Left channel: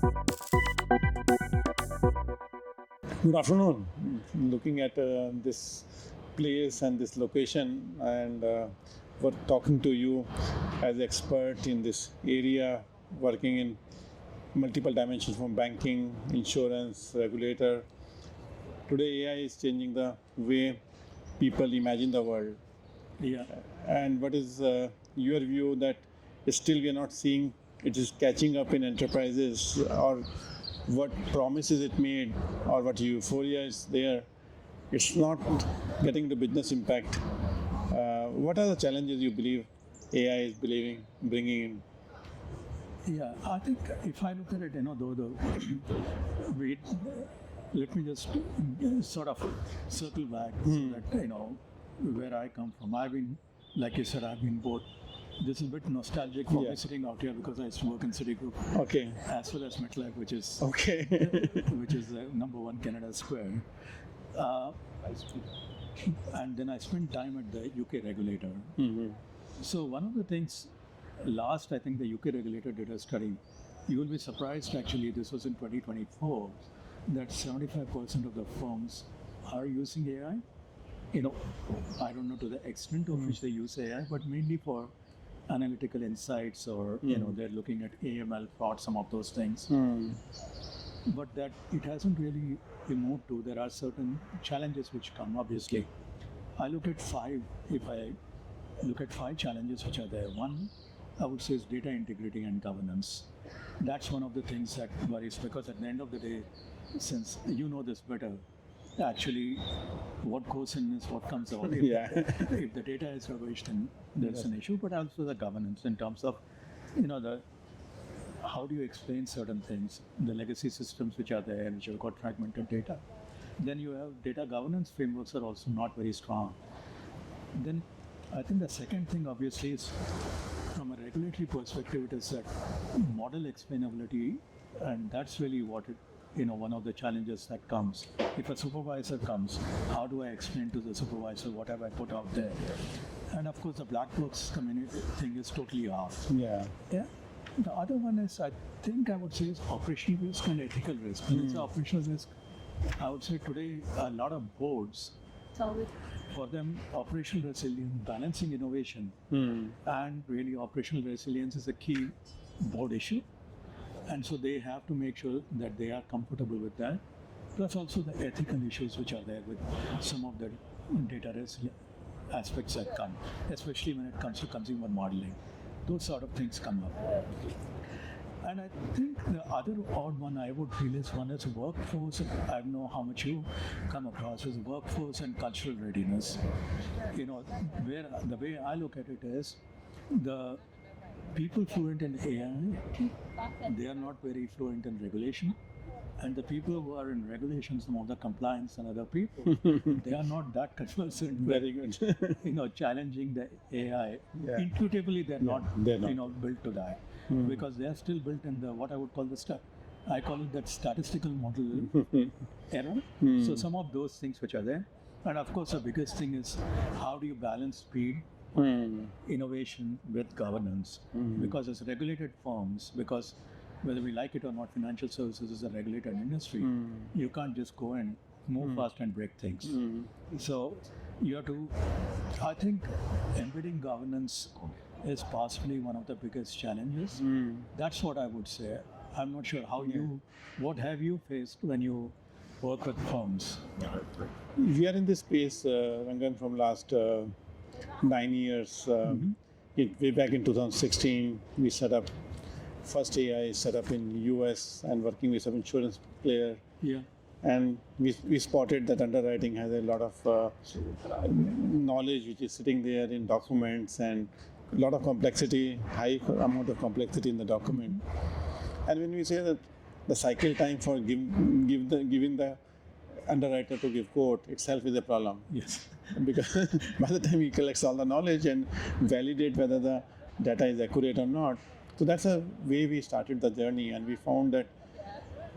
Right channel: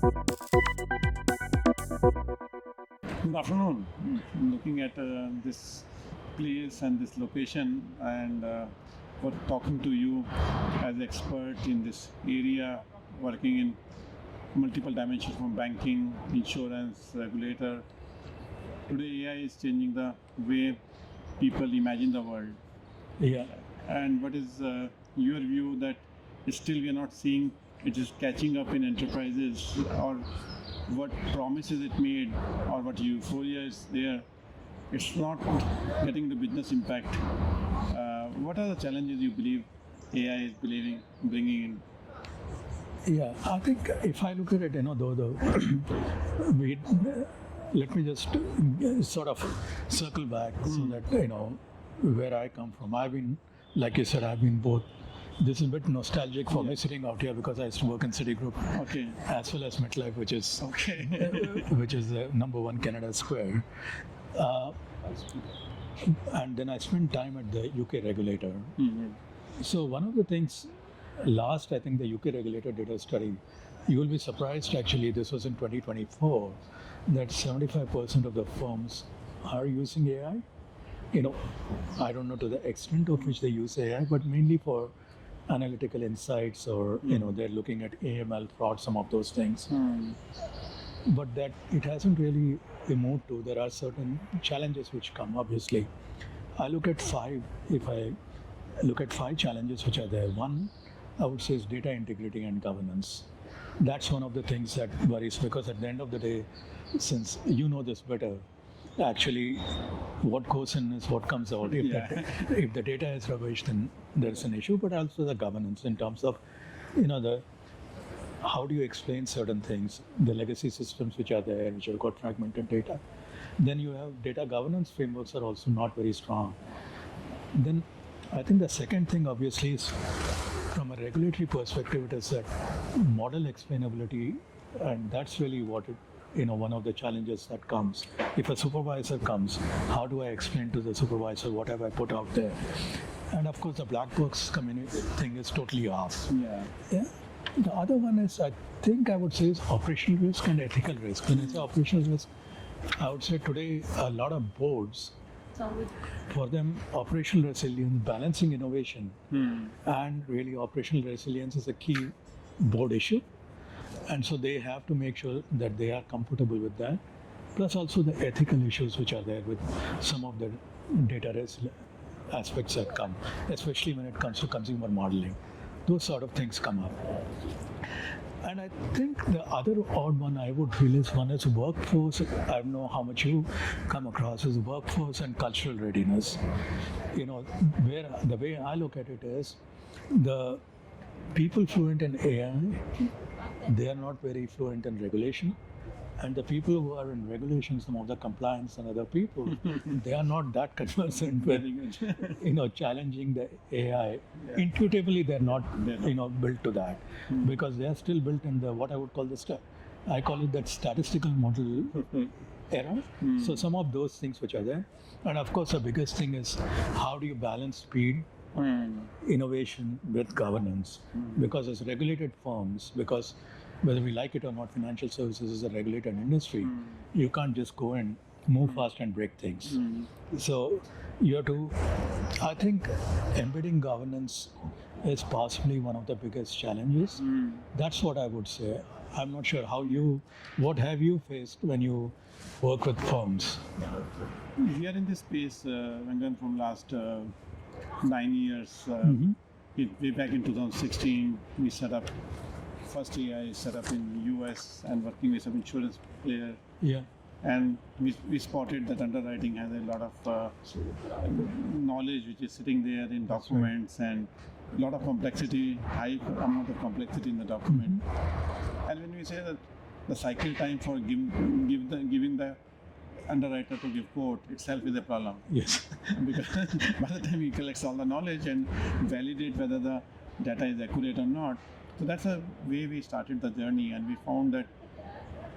Good afternoon. Looking at this place and this location, and for talking to you as expert in this area, working in multiple dimensions from banking, insurance, regulator. Today, AI is changing the way people imagine the world. Yeah. And what is your view that still we are not seeing it is catching up in enterprises, or what promises it made, or what euphoria is there, it's not getting the business impact. What are the challenges you believe AI is bringing in? Yeah, I think if I look at it, though the wait, let me just sort of circle back so that where I come from. I've been, like you said, I've been both. This is a bit nostalgic for me sitting out here because I used to work in Citigroup, Okay. as well as MetLife, which is Okay. which is number one Canada Square. And then I spent time at the UK regulator. So one of the things, last I think the UK regulator did a study. You will be surprised actually, this was in 2024, that 75% of the firms are using AI. I don't know to the extent of which they use AI, but mainly for analytical insights, or they're looking at AML fraud, some of those things. But that it hasn't really moved to. There are certain challenges which come, obviously. I look at five, if I look at five challenges which are there. One, I would say, is data integrity and governance. That's one of the things that worries, because at the end of the day, since you know this better, actually what goes in is what comes out. If the data is rubbish, then there's an issue, but also the governance in terms of, the how do you explain certain things, the legacy systems which are there, which have got fragmented data. Then you have data governance frameworks are also not very strong. Then I think the second thing, obviously, is from a regulatory perspective, it is that model explainability, and that's really what one of the challenges that comes. If a supervisor comes, how do I explain to the supervisor what have I put out there? And of course, the black box community thing is totally off. Yeah. The other one is, I think I would say, is operational risk and ethical risk. When it's operational risk, I would say today a lot of boards, for them, operational resilience, balancing innovation, and really operational resilience is a key board issue. And so they have to make sure that they are comfortable with that. Plus also the ethical issues which are there with some of the data aspects that come, especially when it comes to consumer modeling. Those sort of things come up. And I think the other odd one I would feel is, one is workforce. I don't know how much you come across, is workforce and cultural readiness. Where the way I look at it is, the people fluent in AI, they are not very fluent in regulation. And the people who are in regulation, some of the compliance and other people, they are not that conversant with, challenging the AI. Intuitively, they're not built to that, because they are still built in the, what I would call I call it that statistical model era. So some of those things which are there. And of course, the biggest thing is, how do you balance speed, innovation with governance? Because as regulated firms, because whether we like it or not, financial services is a regulated industry. You can't just go and move fast and break things. So you have to, I think, embedding governance is possibly one of the biggest challenges. That's what I would say. I'm not sure what have you faced when you work with firms? We are in this space, Rangan, from last 9 years. Way back in 2016, we set up first AI set up in US and working with some insurance player. Yeah. And we spotted that underwriting has a lot of knowledge which is sitting there in documents, and a lot of complexity, high amount of complexity in the document. And when we say that the cycle time for giving the underwriter to give quote itself is a problem. Yes. Because by the time he collects all the knowledge and validate whether the data is accurate or not. So that's a way we started the journey, and we found that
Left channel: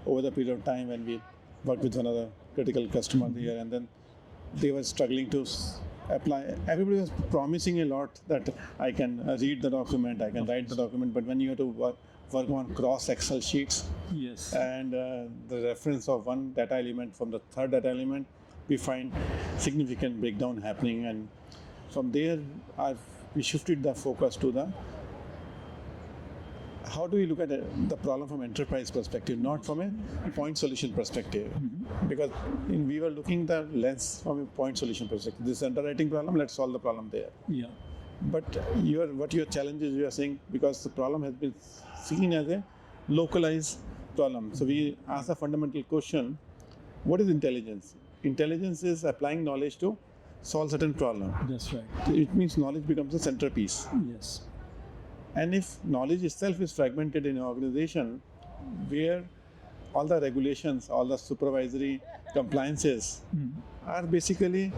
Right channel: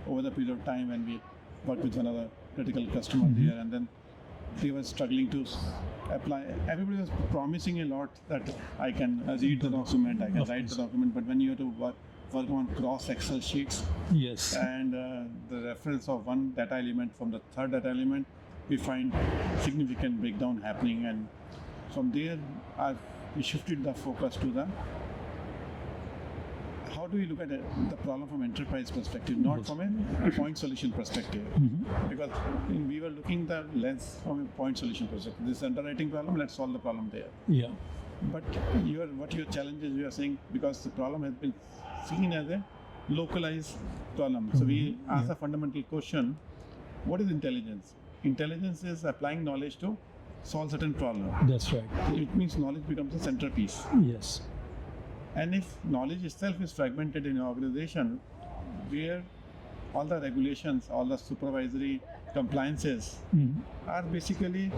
over the period of time when we worked with another critical customer here, and then they were struggling to apply. Everybody was promising a lot that I can read the document, I can write the document, but when you have to work on cross Excel sheets, Yes. and the reference of one data element from the third data element, we find significant breakdown happening, and from there we shifted the focus to the how do we look at the problem from enterprise perspective, not from a point solution perspective. Because we were looking the lens from a point solution perspective. This underwriting problem, let's solve the problem there. Yeah. But what your challenge is, you are saying, because the problem has been seen as a localized problem. So we ask a fundamental question: what is intelligence? Intelligence is applying knowledge to solve certain problem. That's right. It means knowledge becomes a centerpiece. Yes. And if knowledge itself is fragmented in an organization, where all the regulations, all the supervisory compliances are basically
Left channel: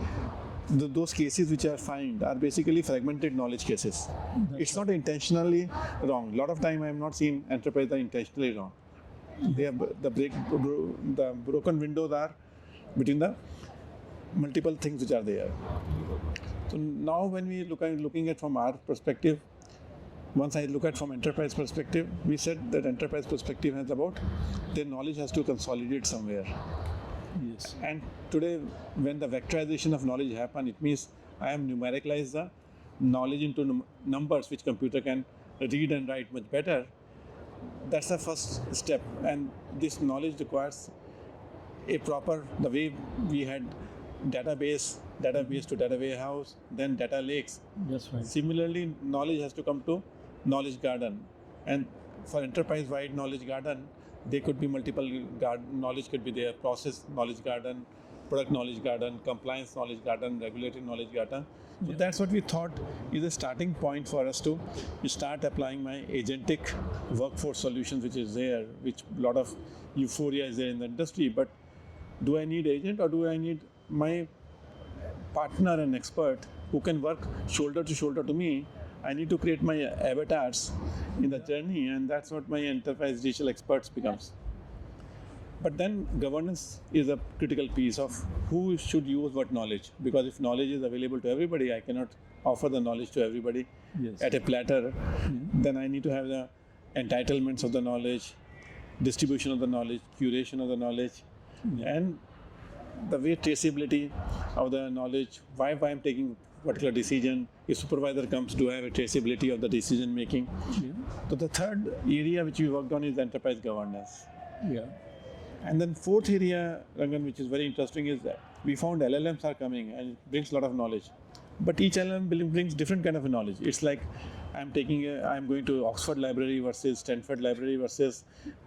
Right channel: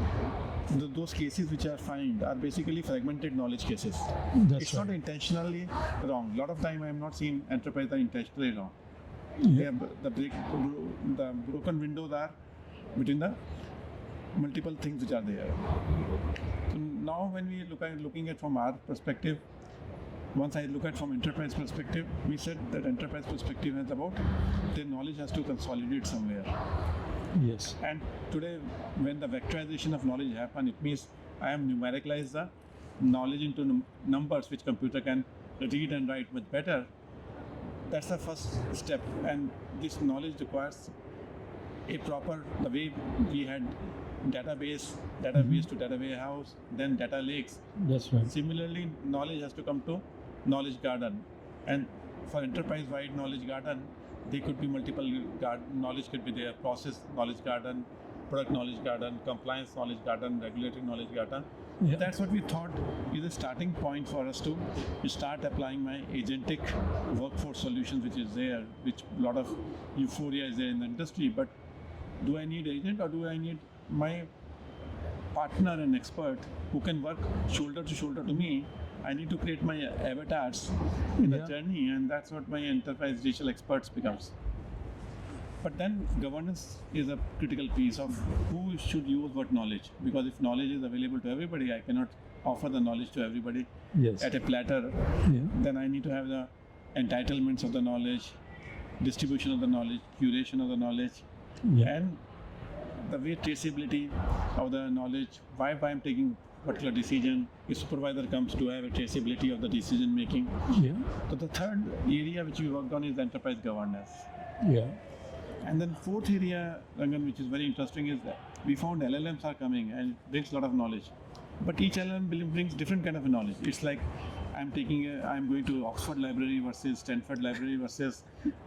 those cases which are found are basically fragmented knowledge cases. That's It's right. not intentionally wrong. A lot of time I have not seen enterprise are intentionally wrong. They are, the broken windows are between the multiple things which are there. So now when we looking at from our perspective, once I look at from enterprise perspective, we said that enterprise perspective is about their knowledge has to consolidate somewhere. Yes. And today, when the vectorization of knowledge happen, it means I am numericalize the knowledge into numbers which computer can read and write much better. That's the first step, and this knowledge requires a proper, the way we had database to data warehouse, then data lakes. That's right. Similarly, knowledge has to come to knowledge garden, and for enterprise-wide knowledge garden, there could be multiple knowledge could be there: process knowledge garden, product knowledge garden, compliance knowledge garden, regulatory knowledge garden. Yeah. That's what we thought is a starting point for us to start applying my agentic workforce solutions, which is there, which a lot of euphoria is there in the industry. But do I need agent, or do I need my partner and expert who can work shoulder to shoulder to me? I need to create my avatars in the journey, and that's what my enterprise digital experts becomes. But then governance is a critical piece of who should use what knowledge, because if knowledge is available to everybody, I cannot offer the knowledge to everybody Yes. at a platter. Yeah. Then I need to have the entitlements of the knowledge, distribution of the knowledge, curation of the knowledge, Yeah. and the way traceability of the knowledge, why I'm taking particular decision, if supervisor comes to have a traceability of the decision making. Yeah. So the third area which we worked on is enterprise governance. Yeah. And then fourth area, Rangan, which is very interesting, is that we found LLMs are coming and it brings a lot of knowledge. But each LLM brings different kind of knowledge. It's like I'm going to Oxford Library versus Stanford Library versus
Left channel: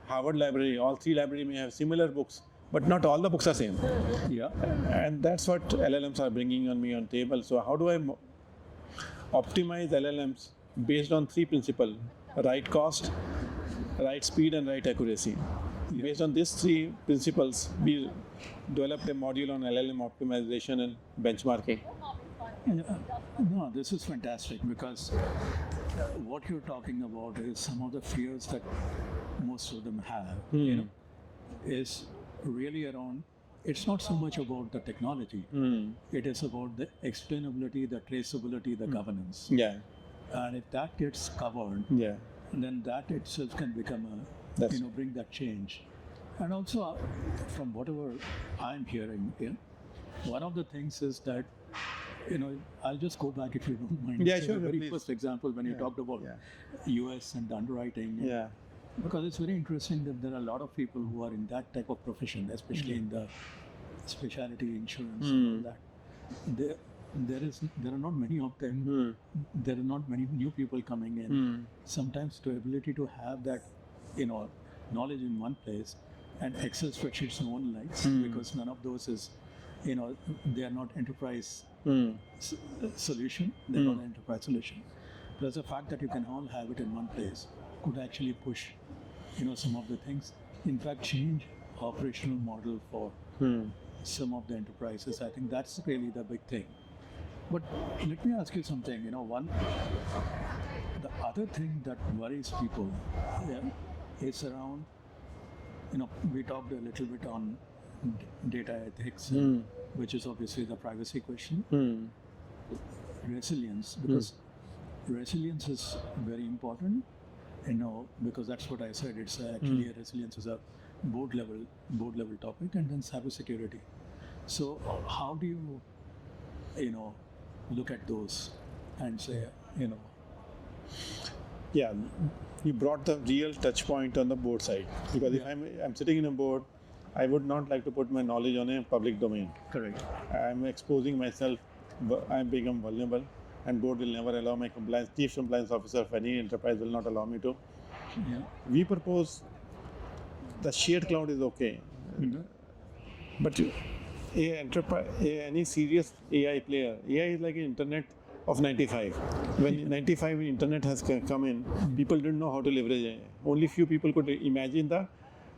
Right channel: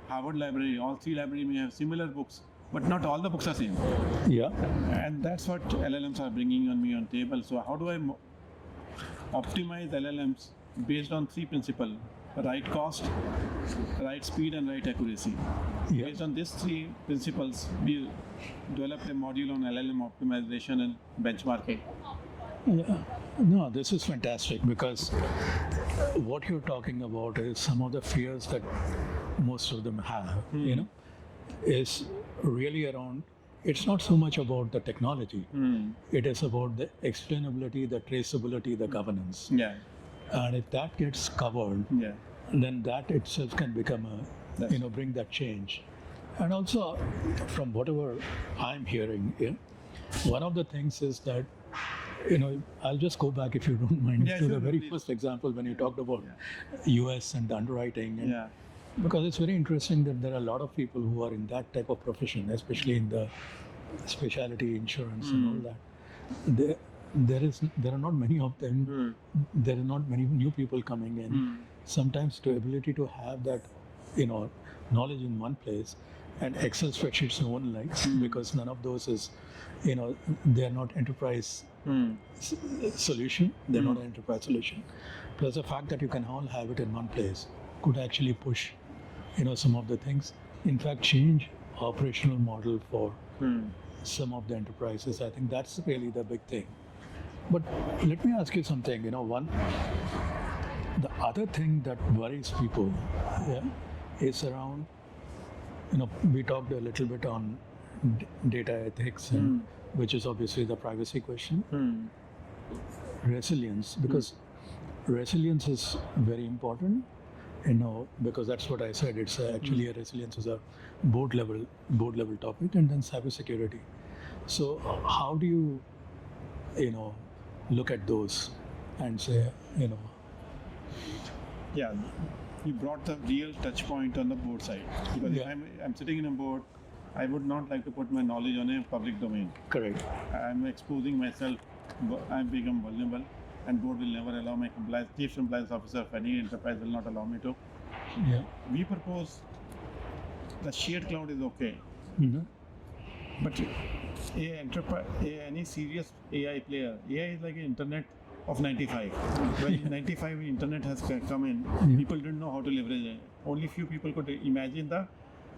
Harvard Library. All three libraries may have similar books, but not all the books are same. Yeah. And that's what LLMs are bringing on me on table. So how do I optimize LLMs based on three principles: right cost, right speed, and right accuracy. Yeah. Based on these three principles, we developed a module on LLM optimization and benchmarking. Yeah. No, this is fantastic, because what you're talking about is some of the fears that most of them have, is really around, it's not so much about the technology, it is about the explainability, the traceability, the governance. Yeah. And if that gets covered, Yeah. then that itself can become bring that change. And also, from whatever I'm hearing, one of the things is that, I'll just go back, if you don't mind, Yeah, to sure, the very please. first example when you talked about US and the underwriting. And Yeah. because it's very interesting that there are a lot of people who are in that type of profession, especially in the specialty insurance and all that. There are not many of them. There are not many new people coming in. Sometimes the ability to have that, knowledge in one place, and Excel spreadsheets no one likes, because none of those is, they are not enterprise solution. They're not an enterprise solution. Plus the fact that you can all have it in one place could actually push, some of the things. In fact, change operational model for some of the enterprises. I think that's really the big thing. But let me ask you something. The other thing that worries people, is around. We talked a little bit on data ethics, which is obviously the privacy question. Resilience, because resilience is very important, because that's what I said. It's actually a resilience is a board level topic, and then cybersecurity. So how do you, look at those and say, Yeah, we brought the real touch point on the board side, because if I'm sitting in a board, I would not like to put my knowledge on a public domain. correct? I'm exposing myself, I'm become vulnerable, and board will never allow my chief compliance officer of any enterprise will not allow me to. Yeah. We propose the shared cloud is okay, but any serious AI player, AI is like an internet of 95. When 95 internet has come in, people didn't know how to leverage it. Only few people could imagine the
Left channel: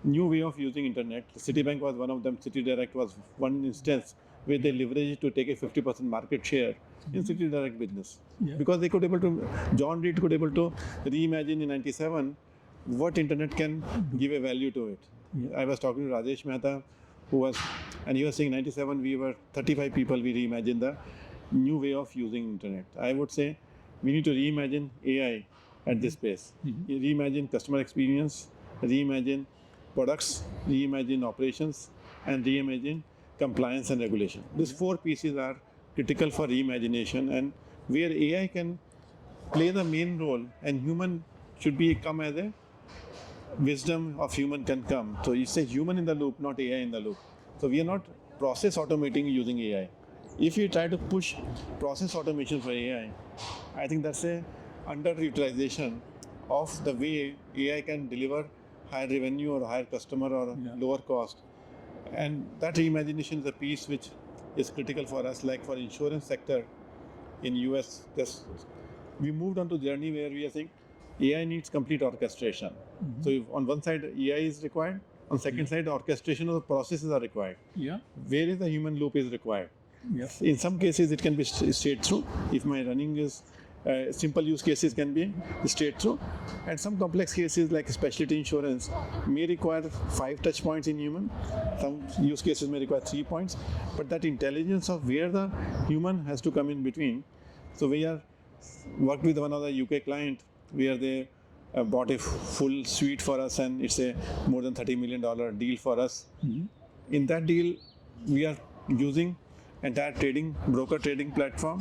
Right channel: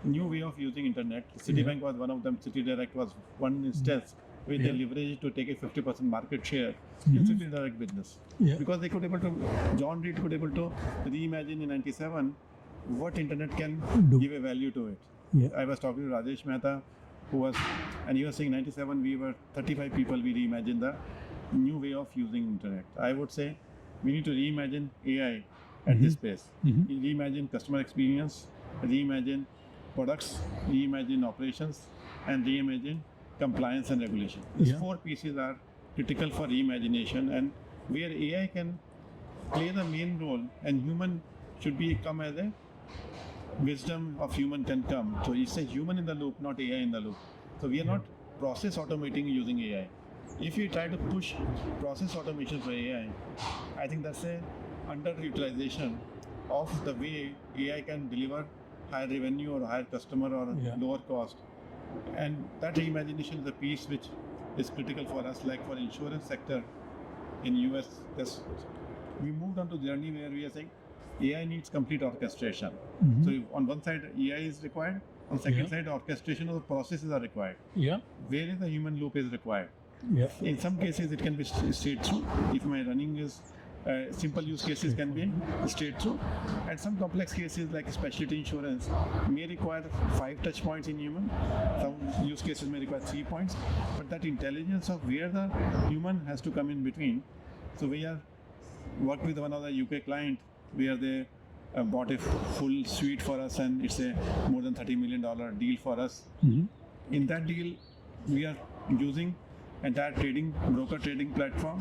new way of using internet. Citibank was one of them. City Direct was one instance where they leveraged it to take a 50% market share in City Direct business. Because they could able to, John Reed could able to reimagine in 97 what internet can give a value to it. I was talking to Rajesh Mehta, and he was saying 97 we were 35 people, we reimagined the new way of using internet. I would say we need to reimagine AI at this pace. Reimagine customer experience, reimagine products, reimagine operations, and reimagine compliance and regulation. These four pieces are critical for reimagination, and where AI can play the main role and human should come as a wisdom of human can come. So it's a human in the loop, not AI in the loop. So we are not process automating using AI. If you try to push process automation for AI, I think that's a underutilization of the way AI can deliver higher revenue or higher customer or lower cost. And that reimagination is a piece which is critical for us. Like for insurance sector in US, we moved on to journey where we are saying AI needs complete orchestration. So if on one side AI is required, on second side orchestration of the processes are required. Where is the human loop is required. In some cases it can be straight through. If my running is simple use cases can be straight through, and some complex cases like specialty insurance may require 5 touch points in human. Some use cases may require 3 points, but that intelligence of where the human has to come in between. So we are worked with one of the UK client where they bought a full suite for us, and it's a more than $30 million deal for us. In that deal, we are using entire broker trading platform,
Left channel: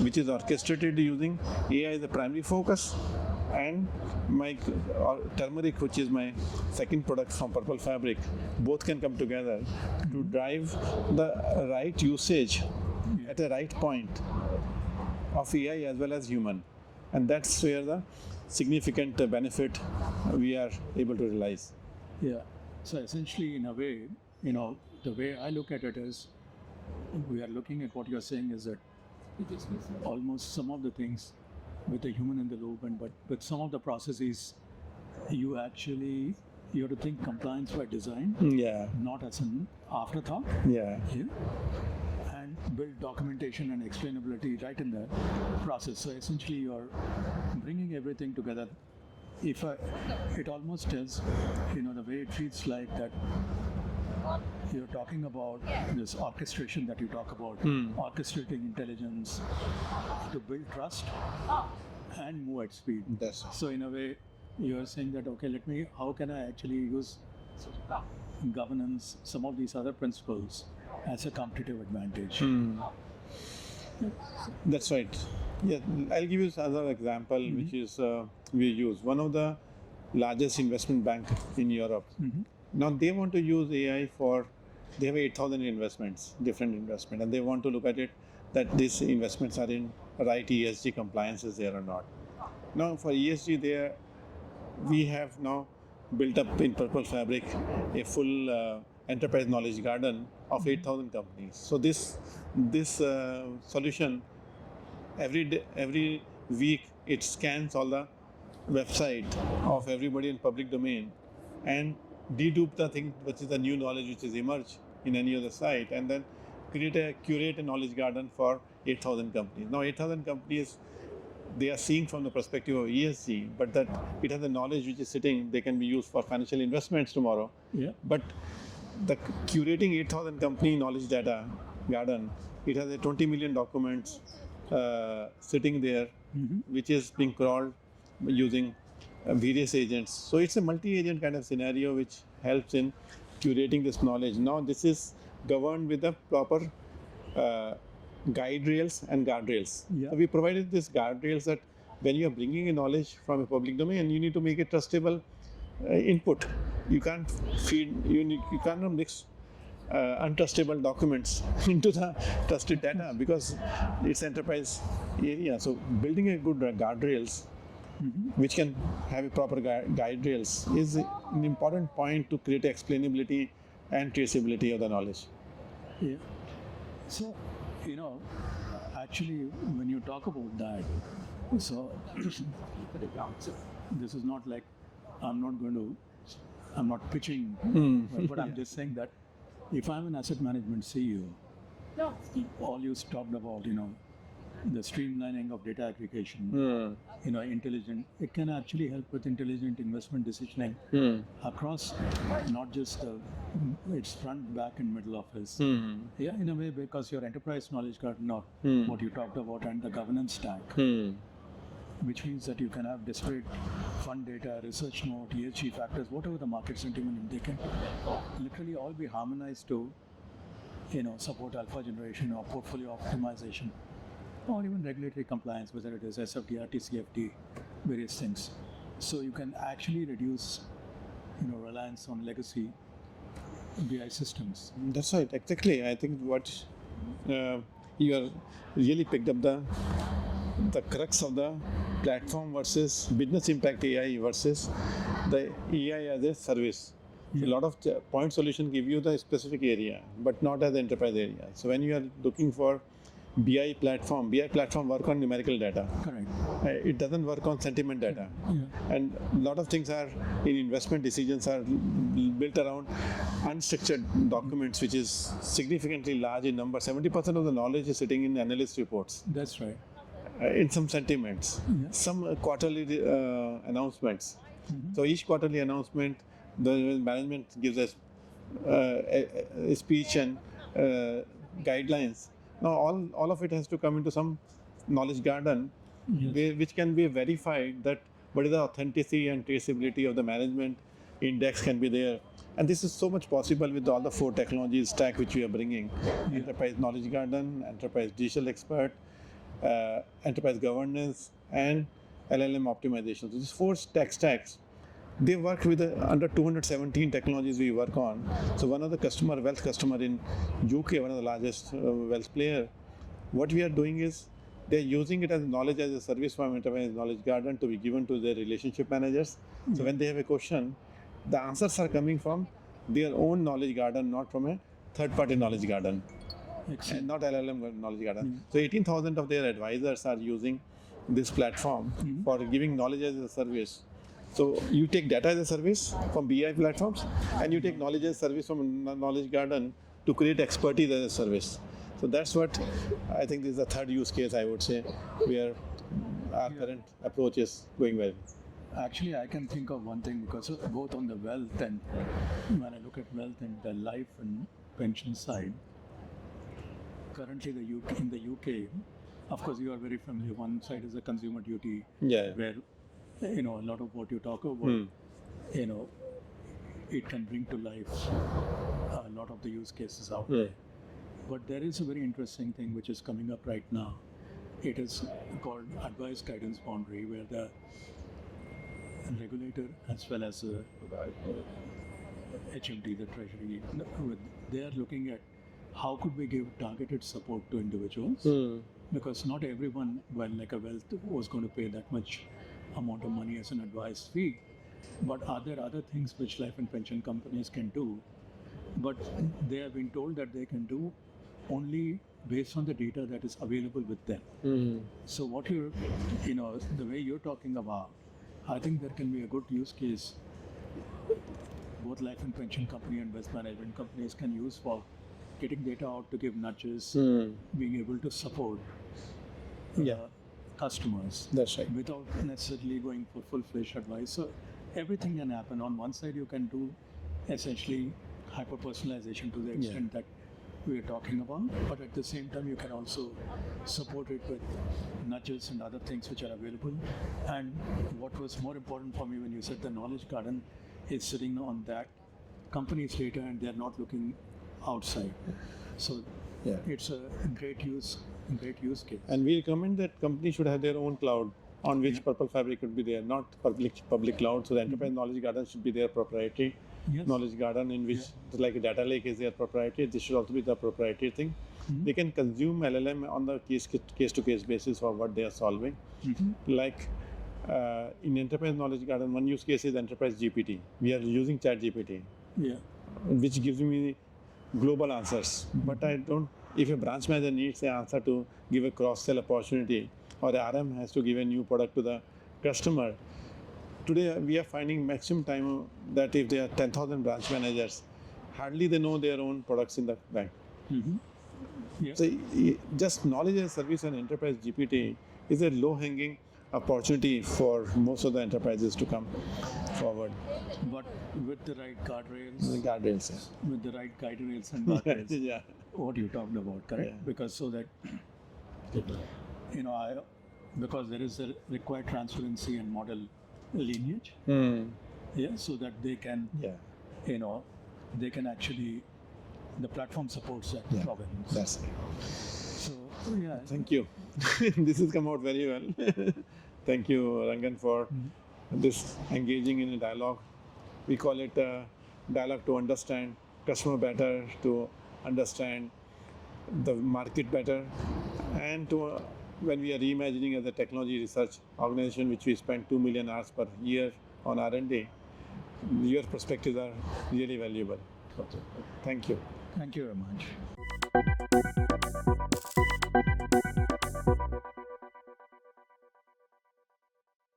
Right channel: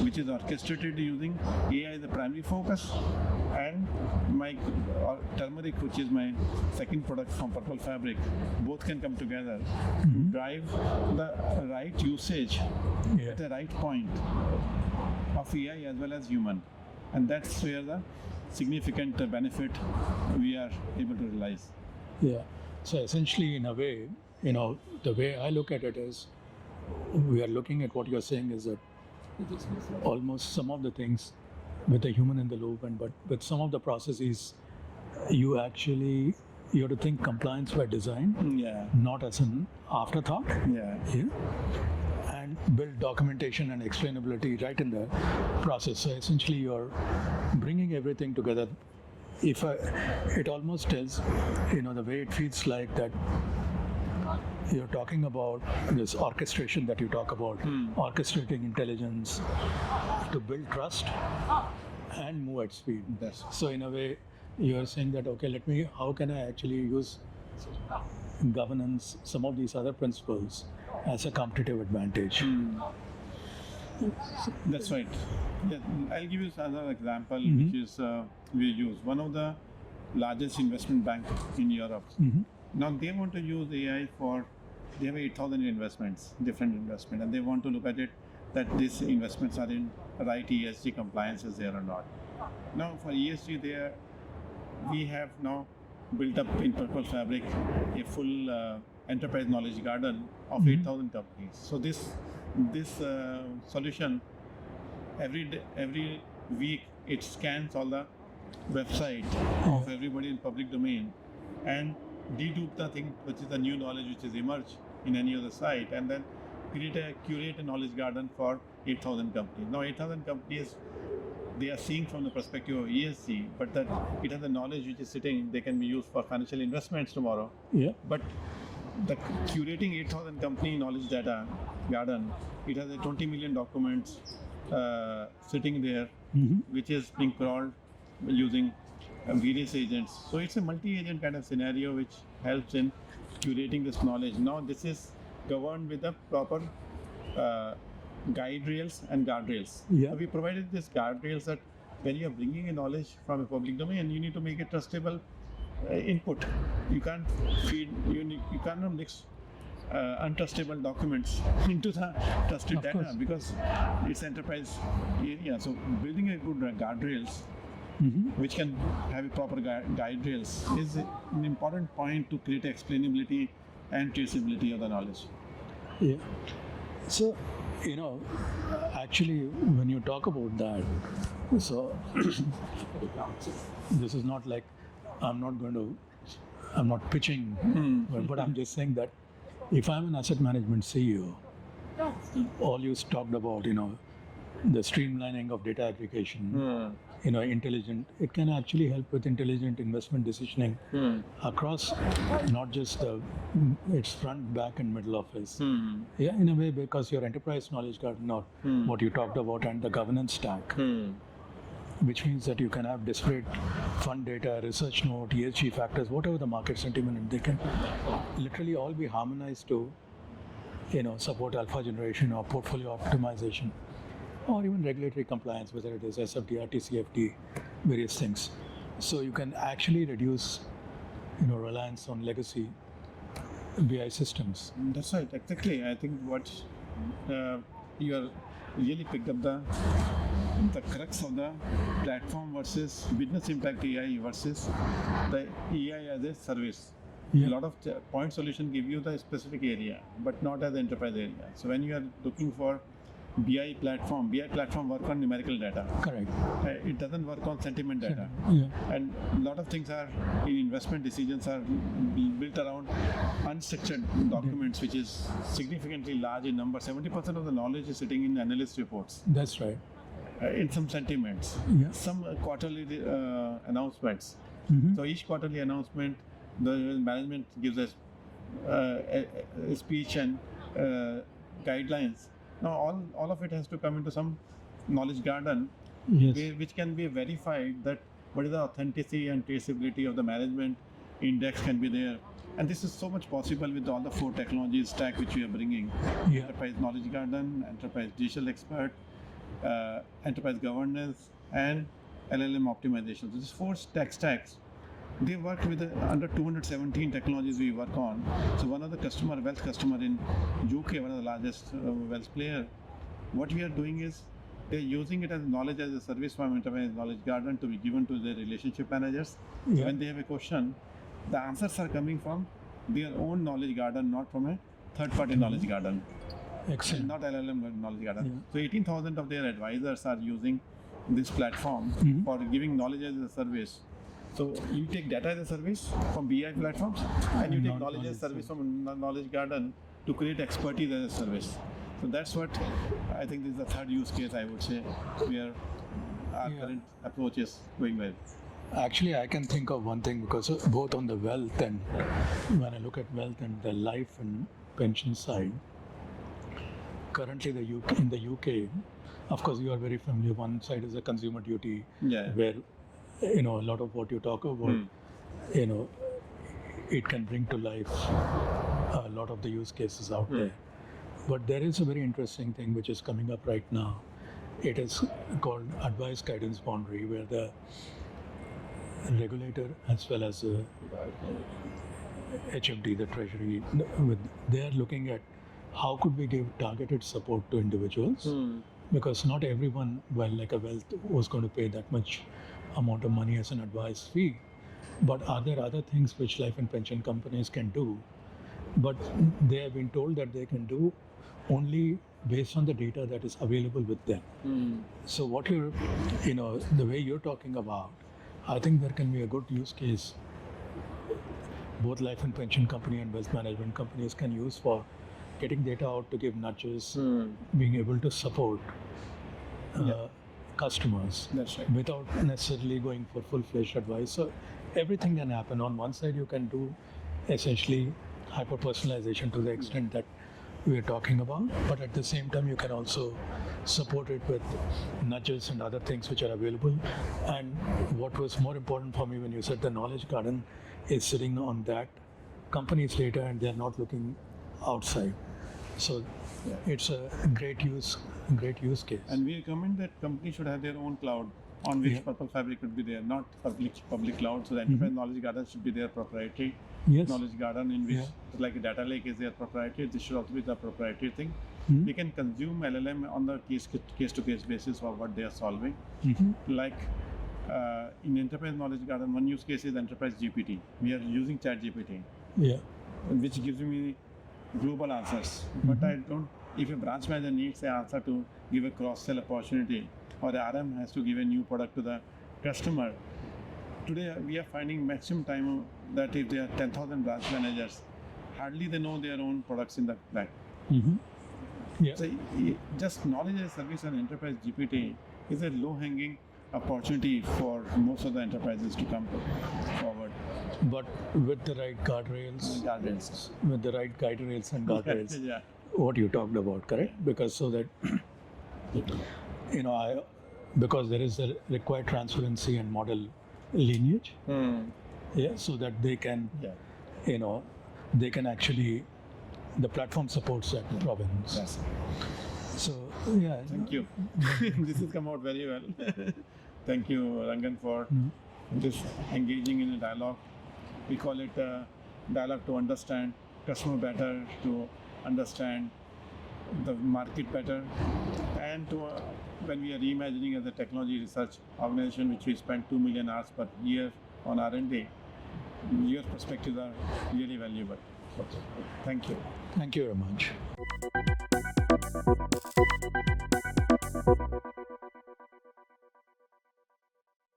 which is orchestrated using AI as a primary focus, and my turmeric, which is my second product from Purple Fabric, both can come together to drive the right usage at the right point of AI as well as human. And that's where the significant benefit we are able to realize. So essentially, in a way, the way I look at it is, we are looking at what you're saying is that almost some of the things with the human in the loop, but with some of the processes, you have to think compliance by design, not as an afterthought. And build documentation and explainability right in the process. So essentially, you're bringing everything together. It almost tells, the way it feels like that you're talking about this orchestration that you talk about, orchestrating intelligence to build trust and move at speed. So in a way, you're saying that, okay, how can I actually use governance, some of these other principles as a competitive advantage? That's right. I'll give you another example, which is we use one of the largest investment bank in Europe. Now they want to use AI they have 8,000 different investments, and they want to look at it that these investments are in right ESG compliance is there or not. Now for ESG, we have now built up in Purple Fabric a full enterprise knowledge garden of 8,000 companies. So this solution, every week it scans all the website of everybody in public domain and dedupe the thing which is the new knowledge which is emerged in any other site, and then curate a knowledge garden for 8,000 companies. Now 8,000 companies, they are seen from the perspective of ESG, but that it has the knowledge which is sitting, they can be used for financial investments tomorrow. But the curating 8,000 company knowledge data garden, it has a 20 million documents sitting there, which is being crawled using various agents. So it's a multi-agent kind of scenario which helps in curating this knowledge. Now this is governed with the proper guide rails and guardrails. Yeah. We provided these guardrails that when you are bringing in knowledge from a public domain, you need to make it trustable input. You can't you cannot mix untrustable documents into the trusted data because it's enterprise area. So building a good guardrails which can have a proper guide rails is an important point to create explainability and traceability of the knowledge. Yeah. So, actually, when you talk about that, so this is not like I'm not pitching, but I'm just saying that if I'm an asset management CEO, all you talked about, the streamlining of data aggregation, intelligent, it can actually help with intelligent investment decisioning across not just its front, back, and middle office. Yeah, in a way, because your enterprise knowledge garden, or what you talked about, and the governance stack, which means that you can have disparate fund data, research note, ESG factors, whatever the market sentiment, and they can literally all be harmonized to, support alpha generation or portfolio optimization, or even regulatory compliance, whether it is SFT, TCFD, various things. So you can actually reduce, reliance on legacy BI systems. That's right, exactly. I think what you are really picked up the crux of the platform versus business impact AI versus the AI as a service. A lot of point solution give you the specific area, but not as enterprise area. So when you are looking for BI platform work on numerical data. Correct. It doesn't work on sentiment data. And a lot of things are in investment decisions are built around unstructured documents, which is significantly large in number. 70% of the knowledge is sitting in analyst reports. That's right. In some sentiments, some quarterly announcements. So each quarterly announcement, the management gives us a speech and guidelines. Now all of it has to come into some knowledge garden, which can be verified that what is the authenticity and traceability of the management index can be there. And this is so much possible with all the 4 technologies stack which we are bringing: enterprise knowledge garden, enterprise digital expert, enterprise governance, and LLM optimization. So these 4 tech stacks, they work with under 217 technologies we work on. So one of the wealth customer in UK, one of the largest wealth player, what we are doing is they're using it as knowledge as a service from enterprise knowledge garden to be given to their relationship managers. So when they have a question, the answers are coming from their own knowledge garden, not from a third-party knowledge garden. Excellent. Not LLM knowledge garden. So 18,000 of their advisors are using this platform for giving knowledge as a service. So you take data as a service from BI platforms, and you take knowledge as a service from knowledge garden to create expertise as a service. So that's what I think is the third use case, I would say, where our current approach is going well. Actually, I can think of one thing, because both on the wealth and when I look at wealth and the life and pension side, currently in the UK, of course, you are very familiar. One side is the consumer duty, where a lot of what you talk about, it can bring to life a lot of the use cases out there. But there is a very interesting thing which is coming up right now. It is called advice guidance boundary, where the regulator as well as HMD, the Treasury, they are looking at how could we give targeted support to individuals, because not everyone, like a wealth, was going to pay that much amount of money as an advice fee. But are there other things which life and pension companies can do? But they have been told that they can do only based on the data that is available with them. So what the way you're talking about, I think there can be a good use case. Both life and pension company and wealth management companies can use for getting data out to give nudges, being able to support customers. That's right. Without necessarily going for full-fledged advice. So everything can happen. On one side, you can do essentially hyper-personalization to the extent that we are talking about, but at the same time, you can also support it with nudges and other things which are available. And what was more important for me when you said the knowledge garden is sitting on that company's data and they're not looking outside. So it's a great use case. And we recommend that companies should have their own cloud on which Purple Fabric could be there, not public cloud. So the enterprise knowledge garden should be their proprietary knowledge garden, in which like a data lake is their proprietary. This should also be the proprietary thing. They can consume LLM on the case to case basis for what they are solving. Like in enterprise knowledge garden, one use case is enterprise GPT. We are using Chat GPT, which gives me global answers. But I don't. If a branch manager needs an answer to give a cross-sell opportunity, or the RM has to give a new product to the customer, today we are finding maximum time that if there are 10,000 branch managers, hardly they know their own products in the bank. So just knowledge and service and enterprise GPT is a low-hanging opportunity for most of the enterprises to come forward. But with the right guardrails, with the right guardrails and guardrails, what you talked about, correct? Because so that because there is a required transparency and model lineage, so that they can, they can actually, the platform supports that provenance. So thank you. This has come out very well. Thank you, Rangan, for this engaging in a dialogue. We call it a dialogue to understand customer better, to understand the market better, and to when we are reimagining as a technology research organization, which we spend 2 million hours per year on R&D, your perspectives are really valuable. Thank you. Thank you very much.